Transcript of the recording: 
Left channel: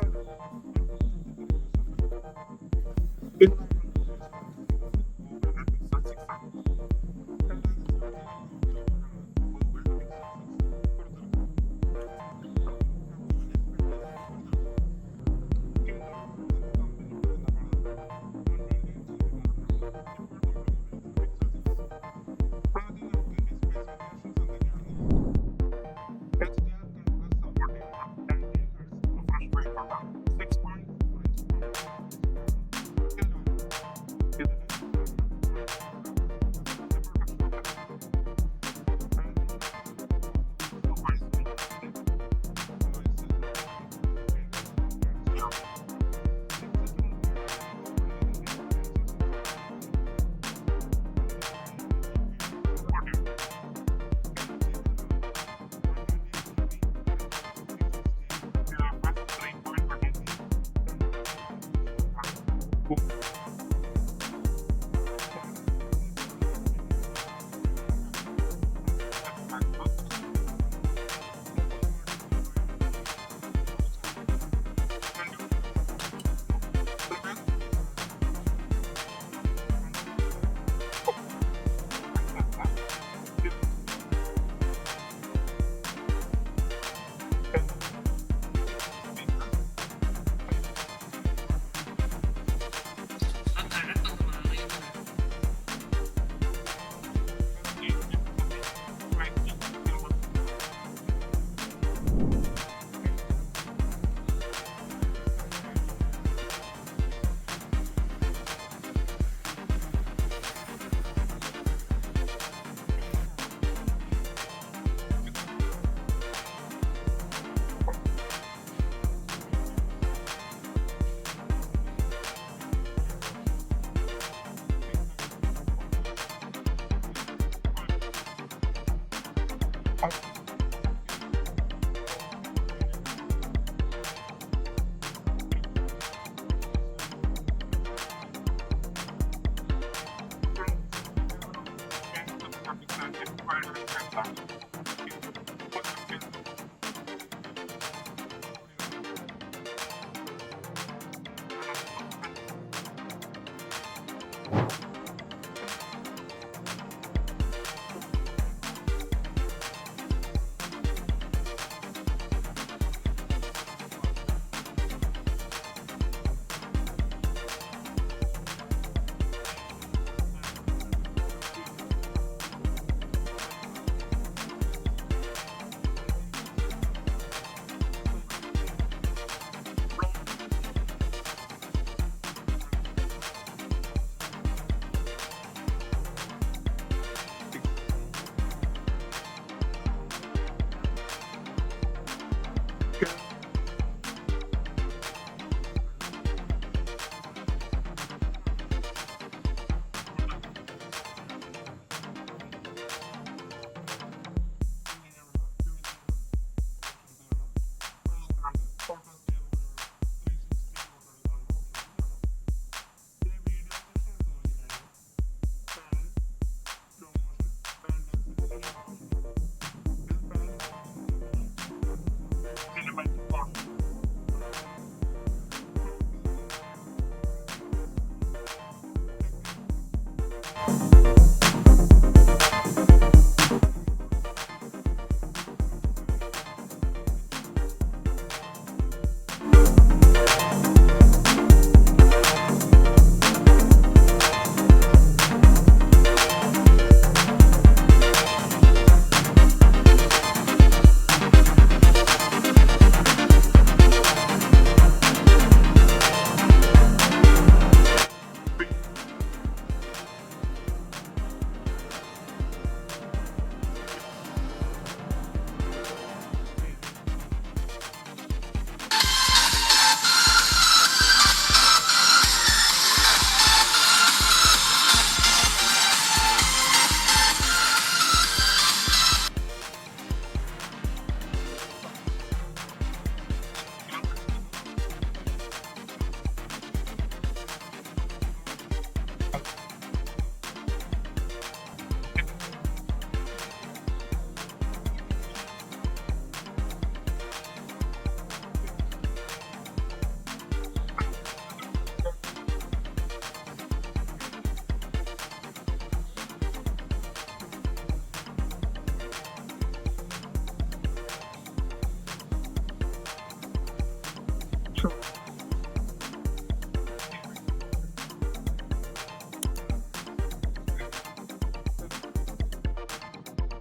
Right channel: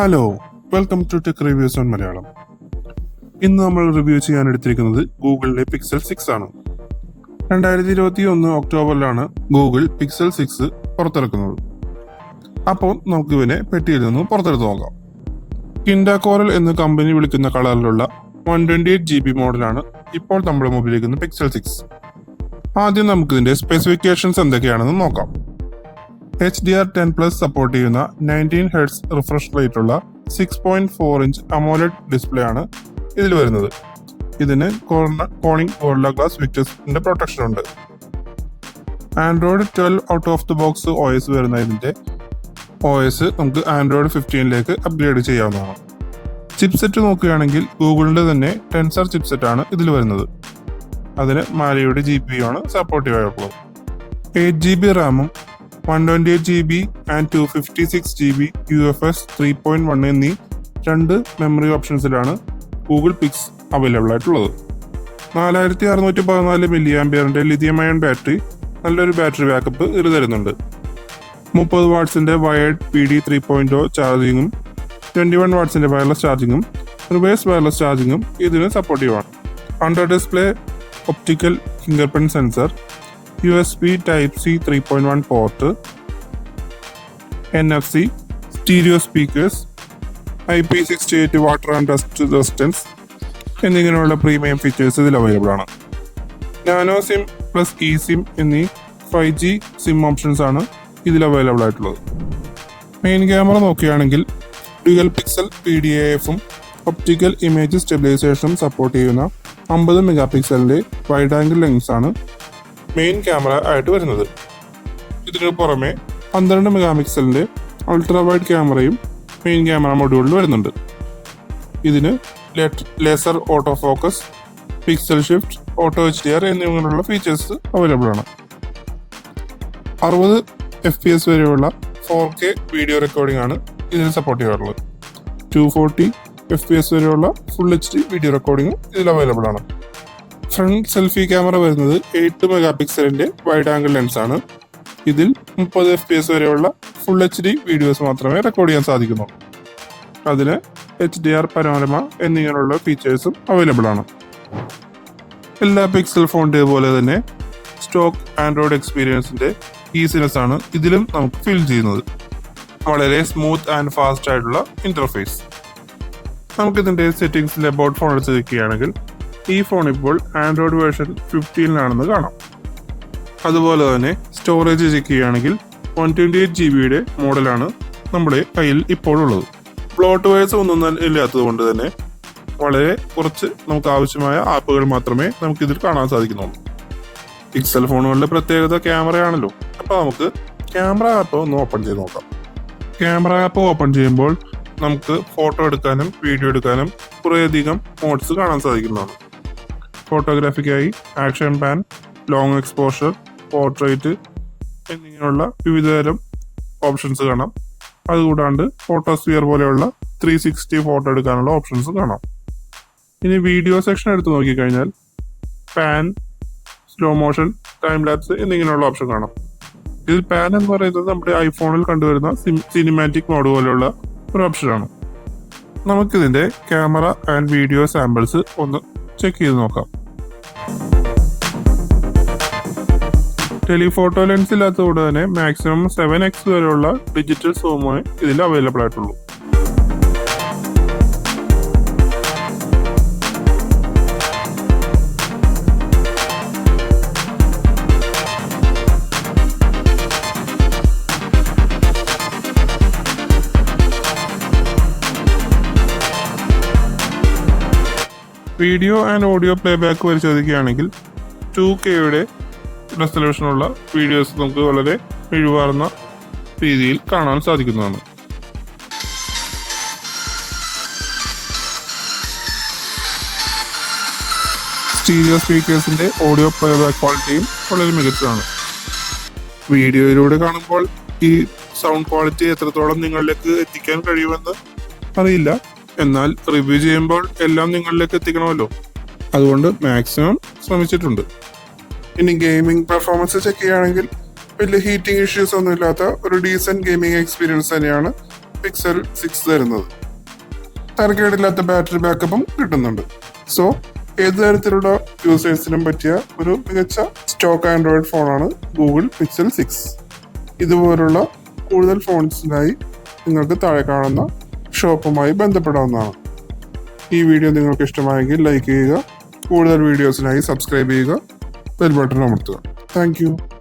Hello, welcome to tech reviews on Malayalam. ഇന്ന് നമ്മൾ review ചെയ്യാൻ എടുത്തിരിക്കുന്നത് ഗൂഗിളിലെ പിക്സൽ 6 ആണ്. 2021 ഒക്ടോബറിലാണ് ഗൂഗിൾ പിക്സൽ 6 പുറത്തിറക്കുന്നത്. അപ്പോൾ നമുക്ക് ഇവനെ പെട്ടിയിൽ നിന്നും പുറത്തെടുത്ത് നോക്കാം. കിൻഡ കോറൽ എന്ന് കമ്പനി വിളിക്കുന്ന കളറിലുള്ള 128GB മോഡലാണ് ഇപ്പോൾ നമ്മുടെ മുമ്പിലിരിക്കുന്ന പിക്സൽ 6. ആദ്യം നമുക്കിതിന്റെ സ്പെസിഫിക്കേഷൻസ് എന്തൊക്കെയാണെന്ന് നോക്കാം. HDR10+ സപ്പോർട്ട് ചെയ്യുന്ന 19 Hz റിഫ്രഷ് റേറ്റ് ഉള്ള 6.4 ഇഞ്ച് AMOLED ഡിസ്പ്ലേ ആണ് ഇതിൽ വരുന്നത്. ഇതിന് കോണിംഗ് ഗോറില്ല ഗ്ലാസ് വിക്ടേഴ്സിന്റെ പ്രൊട്ടക്ഷൻ ഉണ്ട്. Android 12 out of the box OS വരുന്നതിന്റെ OS നമുക്ക് ആൻഡ്രോയിഡ് 15ലേക്ക് അപ്ഗ്രേഡ് ചെയ്യാവുന്നതാണ്. ചിപ്സെറ്റ് നോക്കുകയാണെങ്കിൽ ഗൂഗിളിന്റെ തന്നെ ടെൻസർ ചിപ്സെറ്റ് ആണ് ഇതിൽ വരുന്നത്. അതിന് മാലിയുടെ GPU ആണ് സപ്പോർട്ടീവ് ആയിട്ടുള്ളത്. 8GB റാമും 128GB ആൻഡ് 256GB UFS 3.1 എന്നീ രണ്ട് മെമ്മറി ഓപ്ഷൻസിലാണ് ഗൂഗിൾ പിക്സ് അവൈലബിൾ ആയിട്ടുള്ളത്. 4614 mAh ലിഥിയം അയൺ ബാറ്ററി നല്ലൊരു ബാറ്ററി ബാക്കപ്പ് ഇത് തരുന്നുണ്ട്. 30 വാട്ട്സിന്റെ വയേർഡ് PD 3.0 ചാർജിങ്ങും 21 വാട്ട്സിന്റെ വയർലെസ് ചാർജിങ്ങും റിവേഴ്സ് വയർലെസ് ചാർജിങ്ങും ഇതിന് സപ്പോർട്ടീവാണ്. Under display optical fingerprint sensor, USB Type-C 3.1 port, NFC, stereo speakers, IP68 water and dust resistance എന്നിങ്ങനെയുള്ള പ്രീമിയം ഫീച്ചേഴ്സ് ഇതിൽ അവൈലബിൾ ആണ്. നാനോ സിം പ്ലസ് eSIM എന്നീ 5G സിം ഓപ്ഷൻസ് ആണ് ഇതിൽ അവൈലബിൾ ആയിട്ടുള്ളത്. മെയിൻ ക്യാമറ നോക്കുകയാണെങ്കിൽ ഡ്യുവൽ പിക്സൽ PDAF-ഉം optical image സ്റ്റെബിലൈസേഷനും സപ്പോർട്ട് ചെയ്യുന്ന 50 മെഗാപിക്സലിന്റെ വൈഡ് ആംഗിൾ ലെൻസ് ആണ് മെയിൻ ക്യാമറ ആയിട്ട് വരുന്നത്. ഇതിനു പുറമെ 12 മെഗാപിക്സലിന്റെ അൾട്രാ വൈഡ് ക്യാമറയും മെയിൻ ക്യാമറ മൊഡ്യൂളിൽ വരുന്നുണ്ട്. ഇതിന് laser auto focus, pixel shift, auto HDR എന്നിങ്ങനെയുള്ള ഫീച്ചേഴ്സ് അവൈലബിൾ ആണ്. 60 FPS വരെയുള്ള 4K വീഡിയോ റെക്കോർഡിംഗ് ആണ് ഇതിന് സപ്പോർട്ട് ചെയ്യാറുള്ളത്. 240 FPS വരെയുള്ള ഫുൾ HD വീഡിയോ റെക്കോർഡിംഗ് ഇതിൽ അവൈലബിൾ ആണ്. ഫ്രണ്ട് സെൽഫി ക്യാമറ വരുന്നത് 8 മെഗാപിക്സലിന്റെ വൈഡ് ആംഗിൾ ലെൻസ് ആണ്. ഇതിൽ 30 FPS വരെയുള്ള ഫുൾ HD വീഡിയോസ് മാത്രമേ റെക്കോർഡ് ചെയ്യാൻ സാധിക്കുന്നു. അതിന് HDR പനോരമ എന്നിങ്ങനെയുള്ള ഫീച്ചേഴ്സും അവൈലബിൾ ആണ്. എല്ലാ പിക്സൽ ഫോണിന്റെ പോലെ തന്നെ സ്റ്റോക്ക് ആൻഡ്രോയിഡ് എക്സ്പീരിയൻസിന്റെ ഈസിനെസ് ആണ് ഇതിലും നമുക്ക് ഫീൽ ചെയ്യുന്നത്. വളരെ സ്മൂത്ത് ആൻഡ് ഫാസ്റ്റ് ആയിട്ടുള്ള ഇന്റർഫേസ്. നമുക്കിതിന്റെ സെറ്റിംഗ്സിലെ അബൌട്ട് ഫോൺ എടുത്ത് നോക്കുകയാണെങ്കിൽ ഈ ഫോൺ ഇപ്പോൾ ആൻഡ്രോയിഡ് വേർഷൻ 15 കാണാം. അതുപോലെ തന്നെ സ്റ്റോറേജ് ചെക്ക് ചെയ്യുകയാണെങ്കിൽ 128GB മോഡലാണ് നമ്മുടെ കയ്യിൽ ഇപ്പോൾ ഉള്ളത്. ബ്ലോട്ട് വയേഴ്സ് ഒന്നും ഇല്ലാത്തത് കൊണ്ട് തന്നെ വളരെ കുറച്ച് നമുക്ക് ആവശ്യമായ ആപ്പുകൾ മാത്രമേ നമുക്ക് ഇതിൽ കാണാൻ സാധിക്കുന്നുള്ളൂ. പിക്സൽ ഫോണുകളുടെ പ്രത്യേകത ക്യാമറയാണല്ലോ. അപ്പോൾ നമുക്ക് ക്യാമറ ആപ്പ് ഒന്ന് ഓപ്പൺ ചെയ്ത് നോക്കാം. ക്യാമറ ആപ്പ് ഓപ്പൺ ചെയ്യുമ്പോൾ നമുക്ക് ഫോട്ടോ എടുക്കാനും വീഡിയോ എടുക്കാനും കുറേയധികം മോഡ്സ് കാണാൻ സാധിക്കുന്നതാണ്. ഫോട്ടോഗ്രാഫിക്കായി action pan, long exposure, portrait എന്നിങ്ങനെയുള്ള വിവിധതരം ഓപ്ഷൻസ് കാണാം. അതുകൂടാണ്ട് ഫോട്ടോസ്ഫിയർ പോലെയുള്ള 360 ഫോട്ടോ എടുക്കാനുള്ള ഓപ്ഷൻസ് കാണാം. ഇനി വീഡിയോ സെക്ഷൻ എടുത്ത് നോക്കിക്കഴിഞ്ഞാൽ pan, slow motion, time lapse എന്നിങ്ങനെയുള്ള ഓപ്ഷൻ കാണാം. ഇതിൽ പാൻ എന്ന് പറയുന്നത് നമ്മുടെ ഐഫോണിൽ കണ്ടുവരുന്ന സിനിമാറ്റിക് മോഡ് പോലെയുള്ള ഒരു ഓപ്ഷനാണ്. നമുക്കിതിന്റെ ക്യാമറ ആൻഡ് വീഡിയോ സാമ്പിൾസ് ഒന്ന് ചെക്ക് ചെയ്ത് നോക്കാം. ടെലിഫോട്ടോ ലെൻസ് ഇല്ലാത്തതുകൊണ്ട് തന്നെ മാക്സിമം 7x വരെയുള്ള ഡിജിറ്റൽ സൂമേ ഇതിൽ അവൈലബിൾ ആയിട്ടുള്ളൂ. വീഡിയോ ആൻഡ് ഓഡിയോ പ്ലേബാക്ക് പരിശോധിക്കുകയാണെങ്കിൽ 2Kയുടെ റെസൊല്യൂഷനുള്ള വീഡിയോസ് നമുക്ക് വളരെ മിഴിവാർന്ന രീതിയിൽ കാണാൻ സാധിക്കുന്നതാണ്. സ്റ്റീരിയോ സ്പീക്കേഴ്സിന്റെ ഓഡിയോ പ്ലേബാക്ക് ക്വാളിറ്റിയും വളരെ മികച്ചതാണ്. വീഡിയോയിലൂടെ കാണുമ്പോൾ ഈ സൗണ്ട് ക്വാളിറ്റി എത്രത്തോളം നിങ്ങളിലേക്ക് എത്തിക്കാൻ കഴിയുമെന്ന് അറിയില്ല. എന്നാൽ റിവ്യൂ ചെയ്യുമ്പോൾ എല്ലാം നിങ്ങളിലേക്ക് എത്തിക്കണമല്ലോ, അതുകൊണ്ട് മാക്സിമം ശ്രമിച്ചിട്ടുണ്ട്. ഇനി ഗെയിമിംഗ് പെർഫോമൻസ് ചെക്ക് ചെയ്യുകയാണെങ്കിൽ വലിയ ഹീറ്റിംഗ് ഇഷ്യൂസ് ഒന്നും ഇല്ലാത്ത ഒരു ഡീസെന്റ് ഗെയിമിംഗ് എക്സ്പീരിയൻസ് തന്നെയാണ് പിക്സൽ 6 തരുന്നത്. തരക്കേടില്ലാത്ത ബാറ്ററി ബാക്കപ്പും കിട്ടുന്നുണ്ട്. സോ ഏത് തരത്തിലുള്ള യൂസേഴ്സിനും പറ്റിയ ഒരു മികച്ച സ്റ്റോക്ക് ആൻഡ്രോയിഡ് ഫോണാണ് ഗൂഗിൾ പിക്സൽ 6. ഇതുപോലുള്ള കൂടുതൽ ഫോൺസിനായി നിങ്ങൾക്ക് താഴെ കാണുന്ന ഷോപ്പുമായി ബന്ധപ്പെടാവുന്നതാണ്. ഈ വീഡിയോ നിങ്ങൾക്ക് ഇഷ്ടമായെങ്കിൽ ലൈക്ക് ചെയ്യുക, കൂടുതൽ വീഡിയോസിനായി സബ്സ്ക്രൈബ് ചെയ്യുക, ബെൽ ബട്ടൺ അമർത്തുക. Thank you.